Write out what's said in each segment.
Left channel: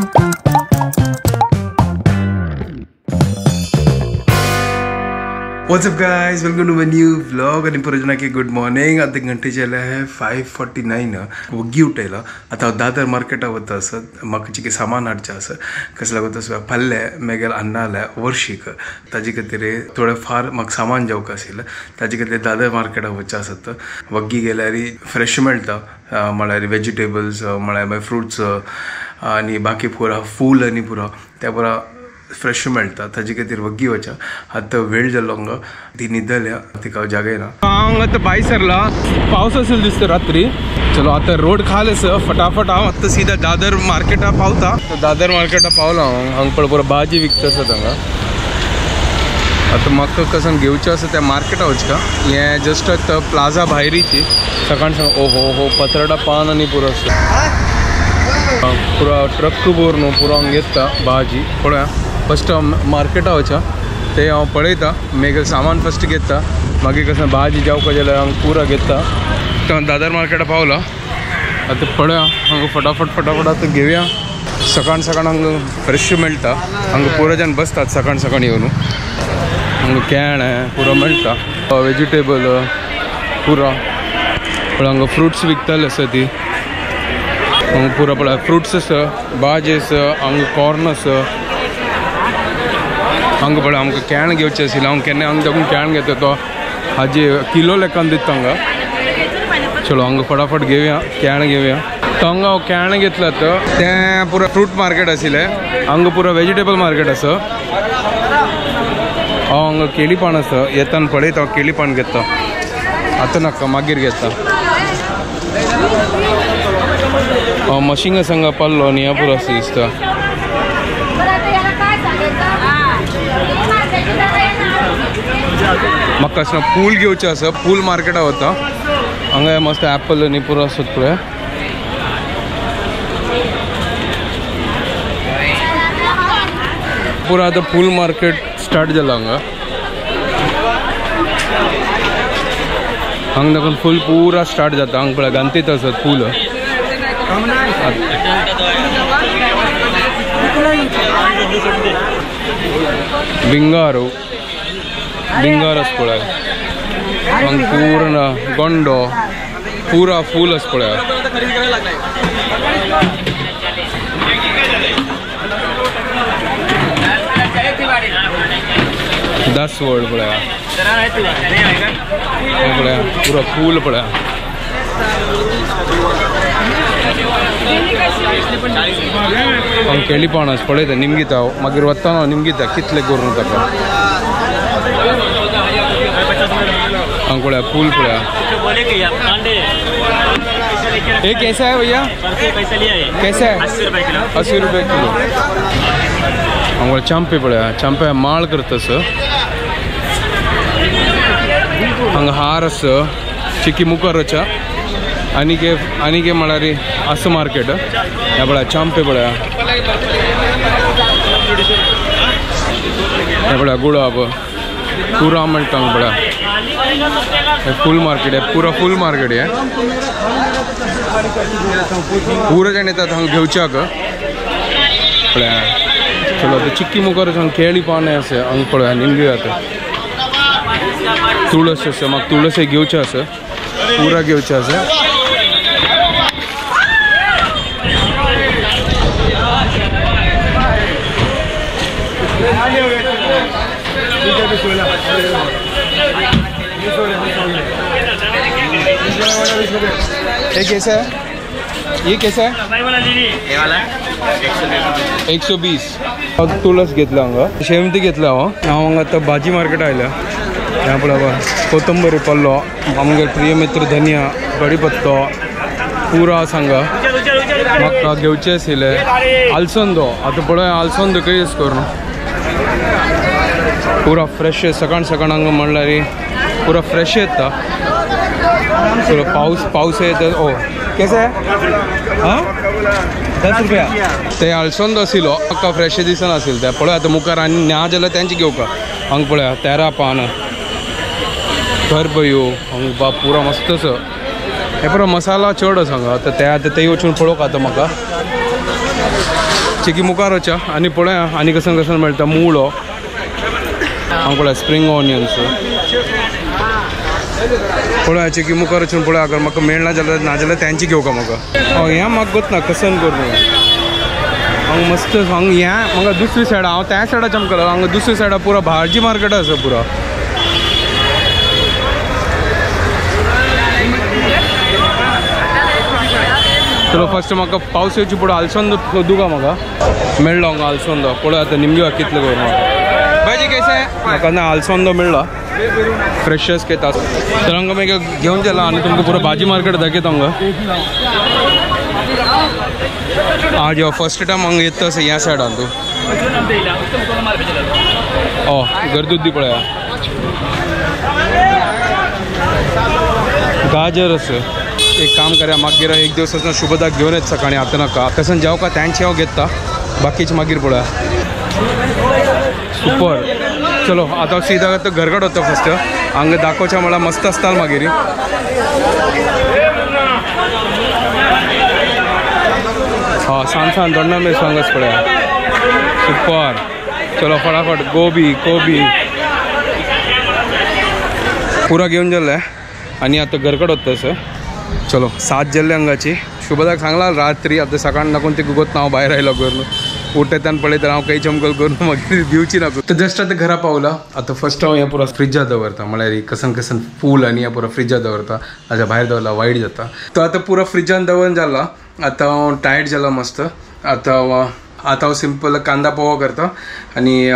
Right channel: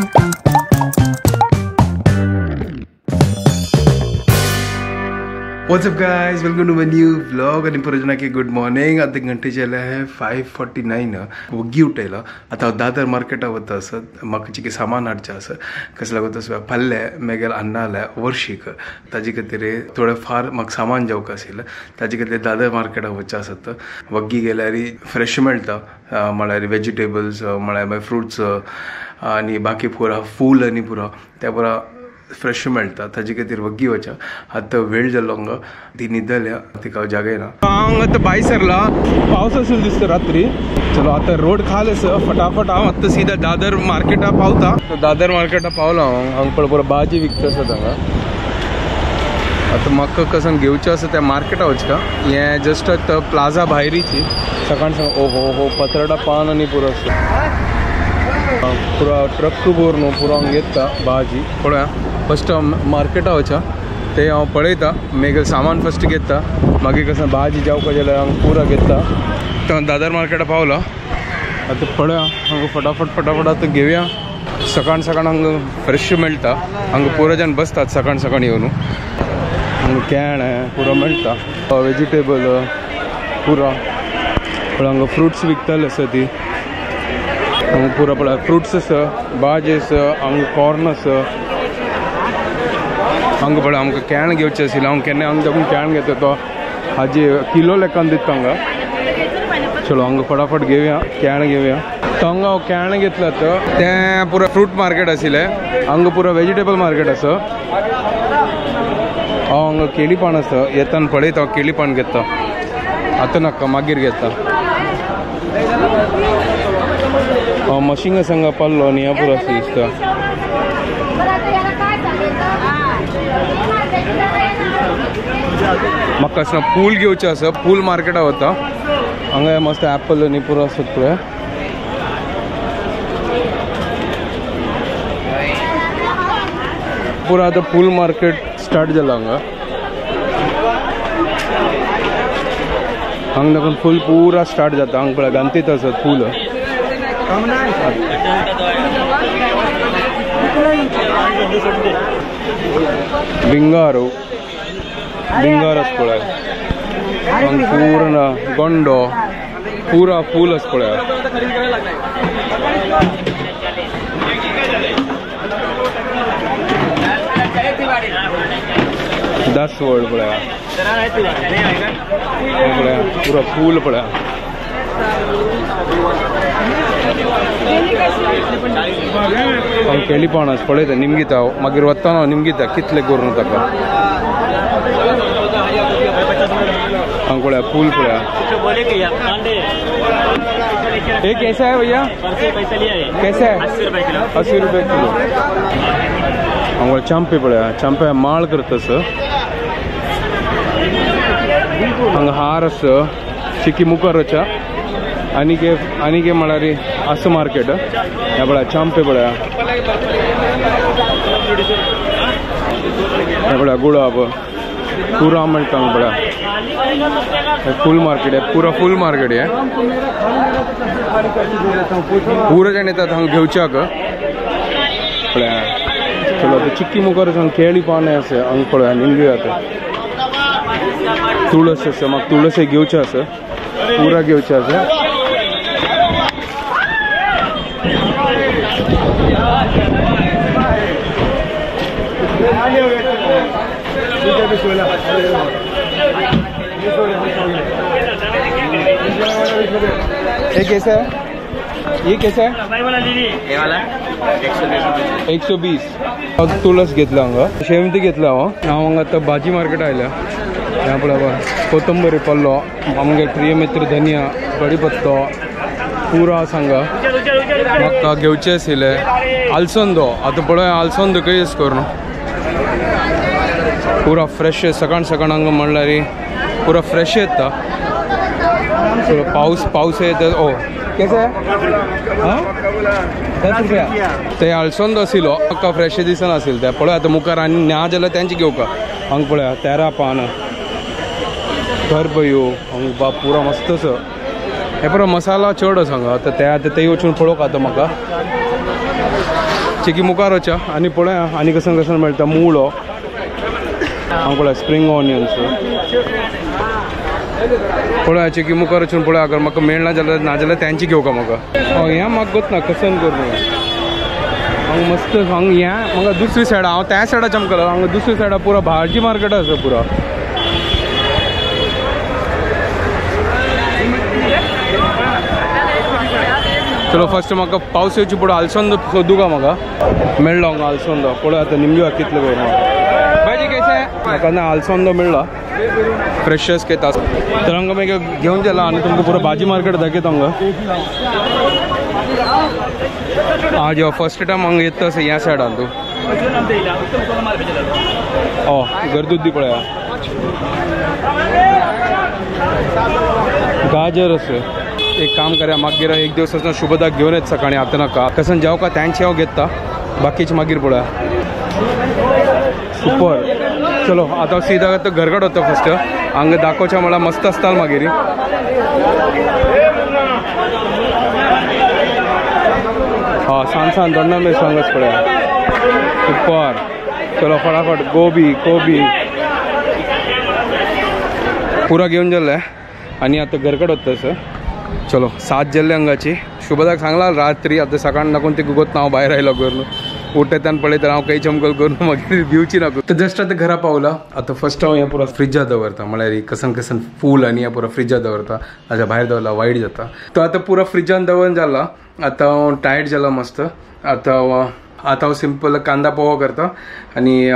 What's up guys, welcome to my new vlog आणि पुरजना की good morning. आता घंटे झाले आहे 5:49. वग्गी उठायला आता दादर मार्केटा वता असत म्हाका जी सामान हाडचें आसा कसला वता असो पल्ले मेगेल अण्णा आल्या वर्षीक ताजे खातीर थोडे फार म्हाका सामान जावक आशिल्लें ताजे खातीर दादर मार्केटा वचचें आसत. वग्गी गेल्यार फ्रेश मेळटा म्हळ्यार वेजिटेबल्स म्हळ्यार फ्रुट्स आनी बाकी पुरा फूल आनी पुरा त्या पुरा फ्रेश मेळटा ताजे खातीर वग्गी वचा. आतां वेळ जालो हांगा ती न्हिदल्या तिका जागे ना. हांव आतां भायर सरला पावस आसलो दिसता रात्री. चलो आतां रोड खाल आसा फटाफट हांव आतां सीधा दादर मार्केटा पावता. दादर मार्केटा पावला हांगा पळय पुरो भाजी विकता आसा हांगा. आतां म्हाका कसन घेवचें आसा त्या मार्केटा वचका. हें जस्ट आतां प्लाझा भायरीची सकाळ सांग ओहो पत्राडा पान आनी पुरो आसा पुरा ट्रक भरून पुरो हांगा येता भाजी. पळया फस्ट मार्केटा वचा ते हांव पळयता मेगेल सामान फस्ट घेता मागीर कसं भाजी जावपा जाल्यार हांगा पुरा घेता. दादर मार्केटा पावला आतां पळया हांगा फटाफट आतां घेवया. सकाळ हांगा फ्रेश मेळटा हांगा पुरो जाण बसतात सकाळ येवन. हांगा केळ्या पुरो मेळटा वेजिटेबल पुरा हांगा फ्रुट्स विकताले आसा ती हांगा पुरा पळय फ्रुट्स आसा भाजी आसा हांगा कॉर्न आसा. हांगा पळय आमकां केळ्यां घेवचें आशिल्लें हांव केन्ना हांगा देखून केळ्यां घेता तो हाजी किलो लेखान दिता हांगा. चलो हांगा फटाफट घेवया केळ्यां घेवया. तो हांगा हांव केळ्यां घेतला तें पुरो फ्रूट मार्केट आशिल्लें हांगा पुरो वेजिटेबल मार्केट आसा. हांव हांगा केळी पान आसा येताना पळयता हांव केळी पान घेता आतां नाका मागीर घेता. हांव मशिंगा संगा पाल्लो न्ही पुरो आसा दिसता. म्हाका असं फूल घेवचें आसा फूल मार्केटा वता. हांगा मस्त ॲपल आनी पुरो आसत पळय. पुरो आतां फूल मार्केट स्टार्ट जाला हांगा. हांगा देखून फूल पुरा स्टार्ट जाता. हांगा पळय गांतीत आसत फूल बिंगारो आस पळय हांगा पूर्ण गोंडो पुरा फूल आस पळय. दस वर्ड पळय पुरा फूल पळय. हांव केळी पान आसा पळयता निमगीता हांव मागीर वतना हांव निमगीता कितले करून ताका. हांगा पळया फूल पळया. ये कैसा है भैया कैसा है 80 रुपये किलो. हांगा चांपे पळया चांपे माळ करता हांगा हार आसा चिकी मुखार वचा. आनी म्हळ्यार असं मार्केट हे पळया चांपे पळया हे पळया गुलाब पुरा मेळटा हांगा पळया. फूल मार्केट आहे पुरा फूल मार्केट आहे पुरा जाण येतात हांगा घेवच्याक पळया. चलो आतां चिक्की मुखार हांगा केळी पानां आसा हांगा पळया निमगी आतां तुळस आसा म्हाका तुळस घेवचें आसा पुरा घेवचें आसा. ये कैसा है ये कैसा है 120. तुळस घेतला हांगा शेवंती घेतला हांव हांगा आतां भाजी मार्केट आयल्या. हांगा पळय कोथंबरी पल्लो आमगे प्रिय मित्र धनिया कढीपत्तो पुरा सांगा म्हाका घेवचें आशिल्लें. आलसंदो आतां पळय आलसंदो कशी अशें करून पुरा फ्रेश सकाळ हांगा म्हणल्यार पुरा फ्रेश येता. पाऊस येता. ओ कैसे हाँ 10 रुपया. ते आलसंदो आशिल्लो म्हाका फ्रेश दिसनाशिल्लें तें पळय आतां मुखार आनी ना जाल्यार तेंची घेवका. हांगा पळया तेरा पान करबयो हांगा बाप पुरा मस्त आसा. हे पुरो मसाला चड आसा हांगा. आतां ते वचून पळोवंक आतां म्हाका चिकी मुखारच्या आणि पळया आनी कसन कसन मेळटा मुळो हांव पळय स्प्रिंग ऑनियन्स पळय चिकी मुखार वचून पळय अगर म्हाका मेळना जाल्यार नाजाल्यार त्यांची घेवका म्हाका हें म्हाका गोत ना कसन करून हांगा मस्त हांगा हें म्हाका दुसरी सायड हांव त्या सायडा चमकलो हांगा दुसरी सायडा पुरो भाजी मार्केट आसा पुरो चलो फर्स्ट म्हाका पावस येवची पुढे आलसोंद सोदू का म्हाका मेळ्ळो हांगा आलसोंद पळय आतां निमगे कितले करून भाजी कैसे म्हाका ना आलसोंद मेळ्ळो फ्रेशस घेता तर हांगा मागीर घेवन गेला आनी तुमकां पुरो भाजी मार्केट दाखयता हांगा आज ह्यो फर्स्ट टायम हांगा येता अशें ह्या सायडान तूं गर्दूच पळया गाजर असे एक काम करूया मागीर एक दिवस शुभदाक घेवन येत सकाळी आता नाका कसन जेवका त्यांची हांव घेता बाकीचे मागीर पळया सुपर चलो आता सीधा घरकड वता फर्स्ट हांगा दाखोवच्या म्हळ्यार मस्त आसता मागीर सांग दोंडा मे सांगच पळया सुपर चलो फटाफट गोबी पुरा घेवन गेले आनी आता घरकड वता सर चलो 7 जाल्ले हांगाची शुभदाक सांगला रात्री आता सकाळ नाकून ते गुगत हांव भायर आयलो करून उठयतान पळयता हांव काही चमकल करून मागीर भिवची नाका तर जस्ट आता घरा पावला आता फर्स्ट हांव हें पुरो फ्रिजात दवरता म्हळ्यार कसन फूल आनी हें पुरो फ्रिजात दवरता ताच्या भायर दवरला वायट जाता तो आता पुरो फ्रिजान दवरून जाला आता हांव टायर्ड जाला मस्त आता हांव सिंपल कांदा पोहा करता आनी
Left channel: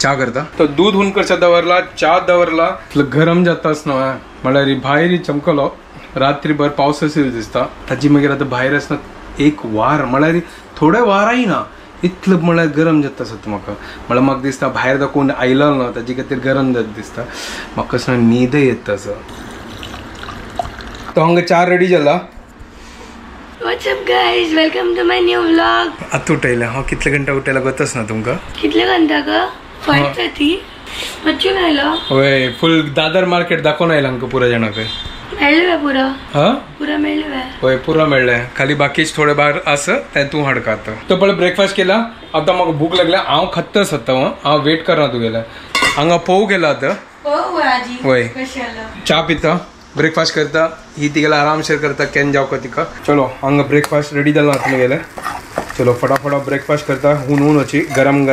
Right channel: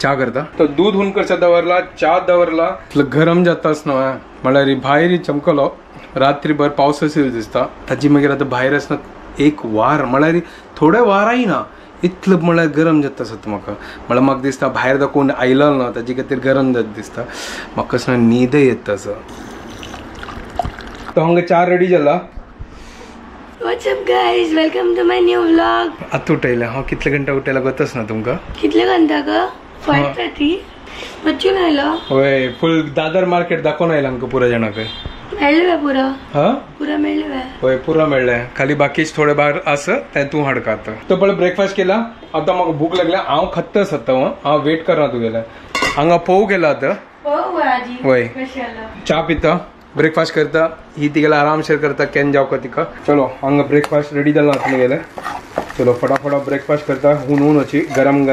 च्या करता तो दूध हुन करचा दवरला च्या दवरला गरम जाताच न्हय म्हळ्यार भायर चमकलो रात्रीभर पावस असेल दिसता ताजी मागीर आता भायर आसना एक वार म्हळ्यार थोडे वाराय ना इतलो म्हळ्यार गरम जाता आसता म्हळ्यार म्हाका दिसता भायर तो कोण आयलो ना ताजे खातीर गरम जाता दिसता म्हाका कसलो न्हीद येता असो तो हांगा च्या रेडी जाला What's up guys, welcome to my new vlog. आता उठयला हांव कितले घंटा उठयला गतच ना तुमकां कितले घंटा का 5:30 बच्चून आयलो होय फुल दादर मार्केट दाखोवन आयला हांकां पुरा जाणाक मेळ्ळे पुरा हा पुरा मेळ्ळे होय पुरा मेळ्ळे खाली बाकीच थोडे भायर आस ते तूं हाडका आता तो पळय ब्रेकफास्ट केला आता म्हाका भूक लागल्या हांव खत्तस आता हांव वेट करना तुगेले हांगा पोव गेला आता होय च्या पिता ब्रेकफास्ट करता ही तिगेला आरामशीर करता केन जावका तिका चलो हांगा ब्रेकफास्ट रेडी जाला आता गेले चलो फटाफट ब्रेकफास्ट करता हुन वची गरम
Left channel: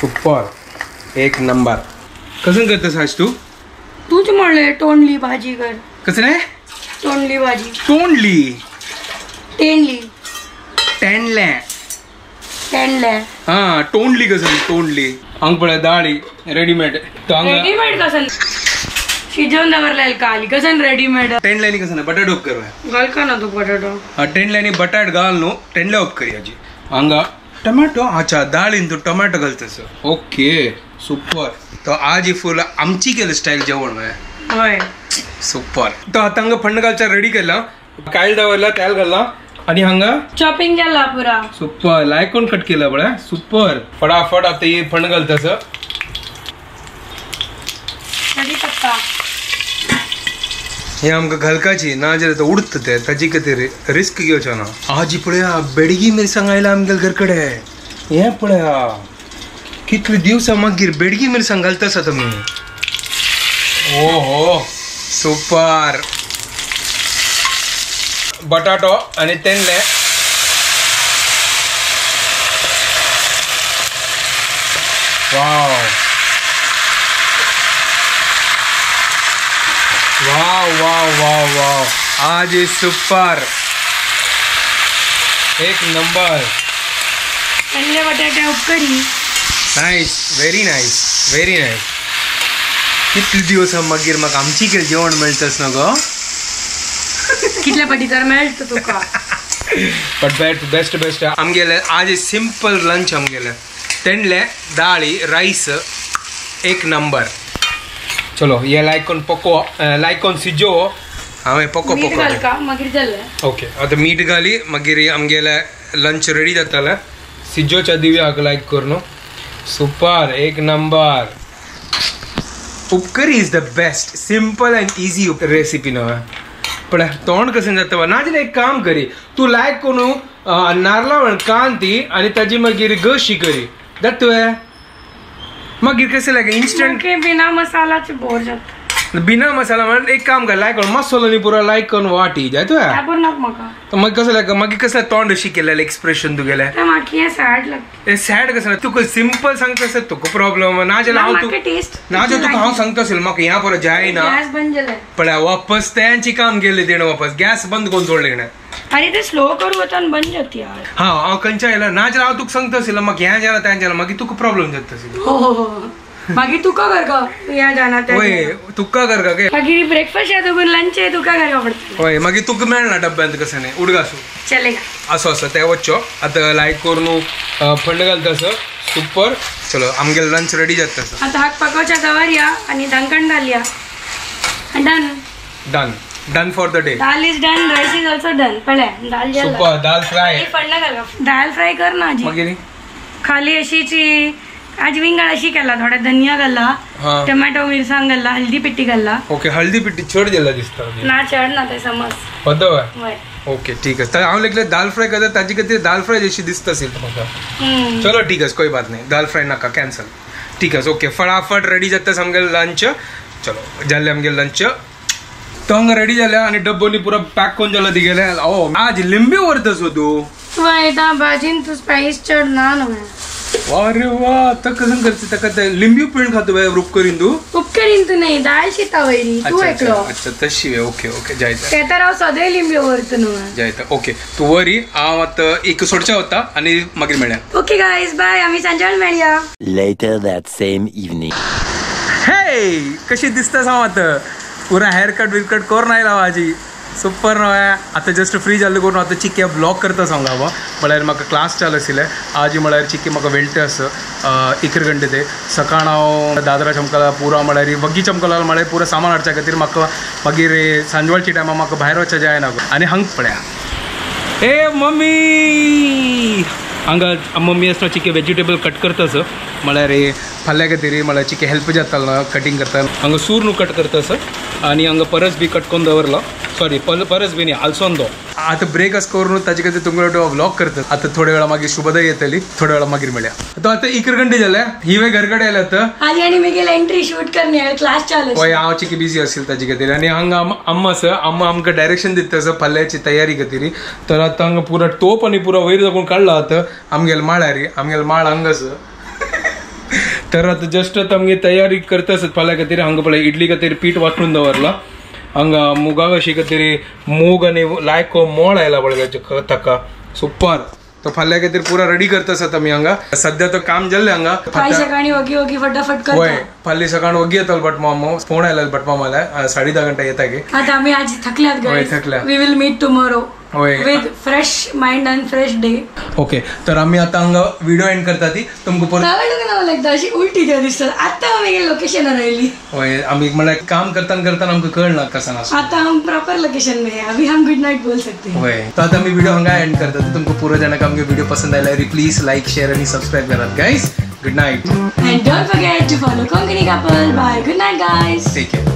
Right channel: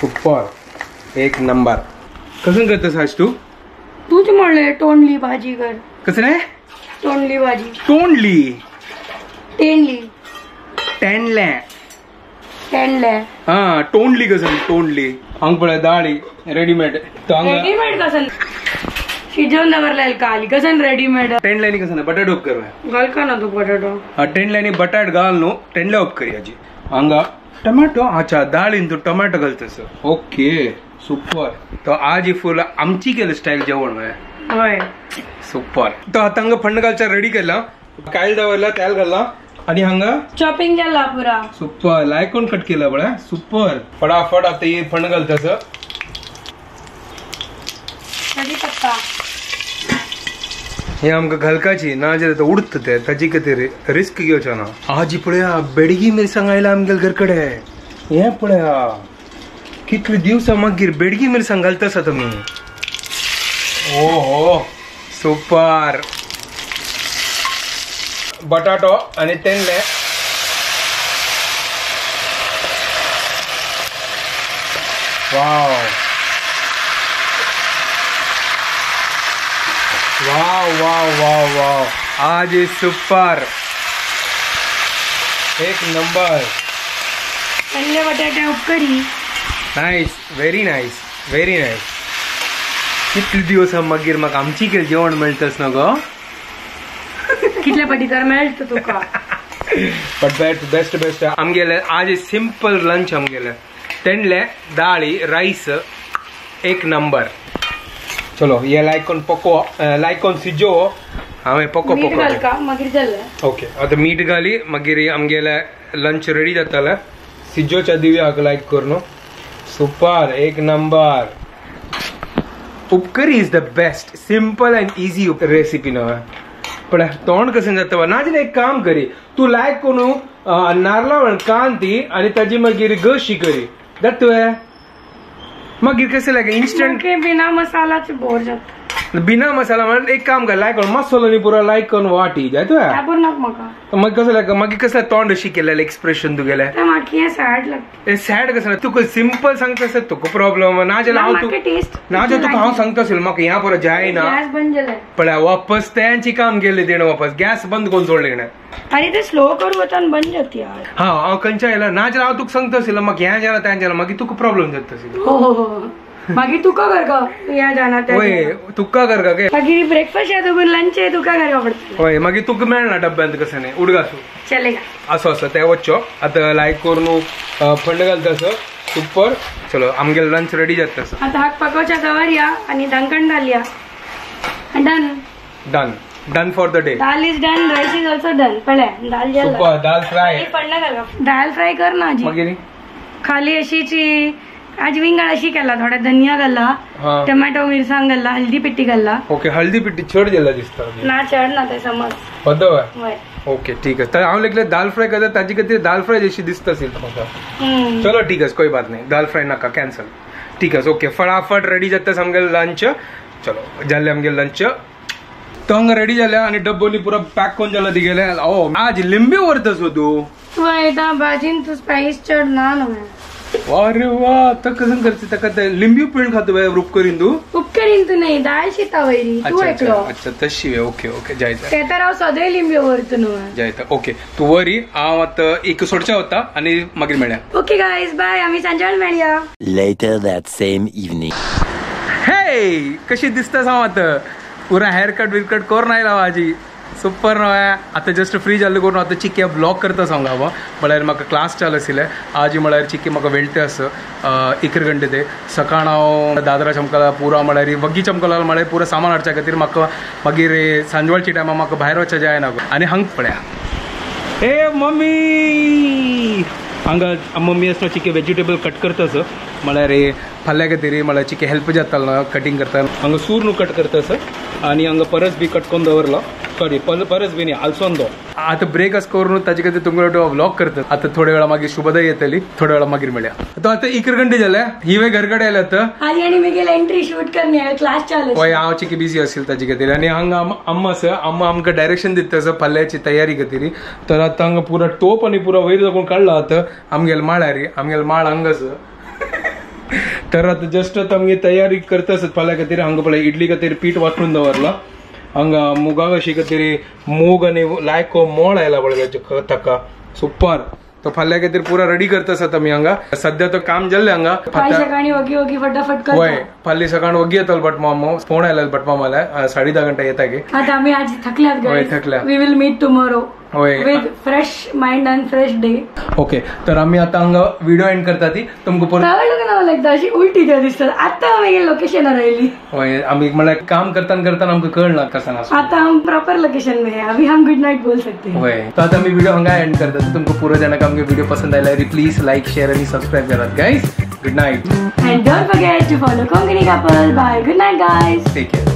सुपर एक नंबर कसं करतास आज तूच म्हणले तोंडली भाजी कर कसं नाही तोंडली भाजी तेंडली तोंडली कसं तोंडली हांग पळय दाळी रेडीमेड कसं शिजवून दवरलेलं काली कसं रेडीमेड तेंडल्यानी कसं नाही बटाट उप कर घाल का ना तू बटाटो तेंडल्यानी बटाट घाल न्हू तेंडल्या उप करी हाजी हांगा टमाटो अच्छा दाळीन तू टमाटो घालतस ओके सुपर तो आज ही फुल आमची केलं स्टाईल जेवण होय सुपर तो आता हांगा फंड घालचा रेडी केला कायल दवरला तेल घालला आणि हांगा चॉपिंग केला पुरा सुपर लायकोन कट केला बळा सुपर फटाफट आता हे फंड घालतस कढीपत्ता हे आमकां घालकाची ना जाल्यार तो उडत ते ताजी खातीर रिस्क घेवचो ना आज पळया बेडगी मिरसांग आयला आमगेल घरकडे हे पळया कितले दिवसां मागीर बेडगी मिरसांग घालतास तुमी ओहो सुपर बटाटो आनी तेंडले वाव वाव वाव वाव वाव आज ये सुपर एक नंबर तेंडले बटाटे उपकरी नाइस व्हेरी नाइस कितले दिवस मागीर म्हाका आमची केल जेवण मेळटस ना गो कितल्या पटी तर मेळटा तुका बट बेस्ट आमगेले आज सिंपल लंच आमगेले तेंडले दाळी राईस एक नंबर चलो ये लायकोन पको लायकोन सिजो हांवें पको मागीर जालें ओके आता मीठ घाली मागीर आमगेले लंच रेडी जाताले सिजोच्या दिव्या हाका लायक कर न्हू सुपर एक number upkari is the best simple and easy recipe न्हू पण तोंड कसं जातं नाजले एक काम करी तू लायक कोणू नारळावळ कांती आणि ताजी मागीर गशी करी जातोय मागीर कसं लागे इन्स्टंट बिना मसालाचे बोर जात बिना मसाला म्हणून एक काम कर लायक मसाला पुरा लायक करून वाटी जातोय तर मग कसं लाग मागीर कसं तोंड अशी केलेलं एक्सप्रेशन तू गेल्या सॅड कसं तुका सिंपल सांगता असत तुका प्रॉब्लेम नाजल हांव तू नाजल तुका हांव सांगता असेल म्हाका ह्या परत जायना पण वापस त्यांची काम केले तेणें वापस गॅस बंद करून सोडले तेणें आणि ते स्लो करू होता बंद जात यार हा हांव खंयच्या येयला नाजल हांव तुका सांगता असेल म्हाका ह्या जाला त्या जाला मागीर तुका प्रॉब्लेम जाता असेल हो मागीर तुका कर का या जाना होय तुका कर का मागीर ब्रेकफास्ट येतो पण लंच आहे तुका करगा पडटलें होय मागीर तुका मेळना डब्यांत कसं नाही उडगासू चलेगा असो असो ते वच्चो आतां लायक करून फंड घालता असो सुपर चलो आमगे लंच रेडी जाता असो आता हाक पाकोवच्या दवरया आणि दणकण घालया done done done for the day dal is done rice is also done पळ्या दाल जाला सुपर दाल फ्राय फंड घालगा दाल फ्राय कर ना आजी मागीर खाली अशीची आज विंगड अशी केला थोडा धनिया घाला टोमॅटो मिरसांग घाला हल्दी पिट्टी घाला ओके हल्दी पिट्टी चड दिला दिसता ना चढ ना ते समज पदव ओके ठीक आहे तर हांव लेगले दाल फ्राय करता ताजी खातीर दाल फ्राय जशी दिसता असेल म्हाका चलो ठीक आहे कोई बात नाही दाल फ्राय नाका कॅन्सल ठीक आहे ओके फटाफट रेडी जाता आमगे लंच चलो जाल्ले आमगे लंच तो हांगा रेडी जाल्या आणि डब्बोनी पुरो पॅक करून जाला ती गेले ओ आज लिंबी व्हरता सो तू भाजीन तू स्पाइस चढ ना अरे वा तर कसं करते ताका ते लिंबू पिळून खातो बाय रूप करीन तू उपकरीन तू नाही दाल शिता वयली तू ऐकलो अच्छा तशी वे ओके ओके जायता ते तर हांव सदैव लिंबू व्हरता न्हू जायता ओके तू वरी हांव आतां एक सोडचा होता आणि मागीर मेळया ओके गाइस बाय आम्ही सांजेवान मेळया Later that same evening. हे कशी दिसता सांग आतां पुरा हेअर कट बिरकट करून आयला माझी सुपर नव्या आता जस्ट फ्री जाल्ले करून आता चिक्के ब्लॉग करता सांगा म्हळ्यार म्हाका क्लास चालू आशिल्ले आज म्हळ्यार चिक्के म्हाका वेल्टे आसा 1 घंटे ते सकाळ हांव दादरा चमकला पुरा म्हळ्यार वग्गी चमकला म्हळ्यार पुरा सामान हाडच्या खातीर म्हाका मागीर सांजवाळच्या टायमार म्हाका भायर वचचें जायना आनी हांग पळया ए मम्मी हांगा मम्मी आसता चिक्के वेजिटेबल कट करतास म्हळ्यार फाल्यां खातीर म्हळ्यार चिक्के हेल्प जातालो कटिंग करता हांगा सूर न्हू कट करतास आनी हांगा परस बी कट करून दवरलो सॉरी परस बी न्ही आल्सोंदो आता ब्रेक असं करून ताजे खातीर तुमकां व्लॉग करतात आता थोड्या वेळा मागीर शुभदय येतली थोड्या वेळा मागीर मेळया तो आता 1 घंटे जाले ही वे घरकडे आयला आता आज आणि मी गेले एंट्री शूट करणे क्लास चालू होय हांव चिकी बिजी आशिल्लो ताजे खातीर आनी हांगा अम्मा आसा अम्मा आमकां डायरेक्शन दिता आसा फाल्यांची तयारी खातीर तर आता हांगा पुरो तोप आनी पुरो वयर जावन काडला आता आमगेले माळार आमगेले माळ हांगा आसा तर आता जस्ट आता आमगे तयारी करता आसत फाल्यां खातीर हांगा पळय इडली खातीर पीठ वांटून दवरला हांगा मुगा कशी खातीर मूग आनी लायको मोळ आयला पळय ताका सुपर तो फाल्यां खातीर पुरा रेडी करता आसत आमी हांगा सध्या तो काम जाल्ले हांगा सकाळी वगी वगी फटाफट करता होय फाल्यां सकाळ वगी येतालो भटमामो फोन आयला भटमामाला 10:30 घंटा येता गे आता आमी आज थकल्यात होय थकल्या वी विल मीट टुमॉरो होय with fresh mind and fresh day okay तर आम्ही आता हांगा व्हिडिओ एंड करता ती तुमकां परत ना लागता अशी उलटी त्या दिसतात आता आमी लोकेशनार आयली होय आमी म्हळ्यार काम करताना आमकां कळना कसा ना आता हम प्रॉपर लोकेशन में है अभी हम गुड नाइट बोल सकते हैं होय तो आता आमी व्हिडिओ हांगा एंड करता तुमकां पुरो जाणांक आमगे व्हिडिओ पसंद आयला प्लीज लाईक शेअर आणि सबस्क्राईब करात guys good night and don't forget to follow Konkani couple bye good night guys take care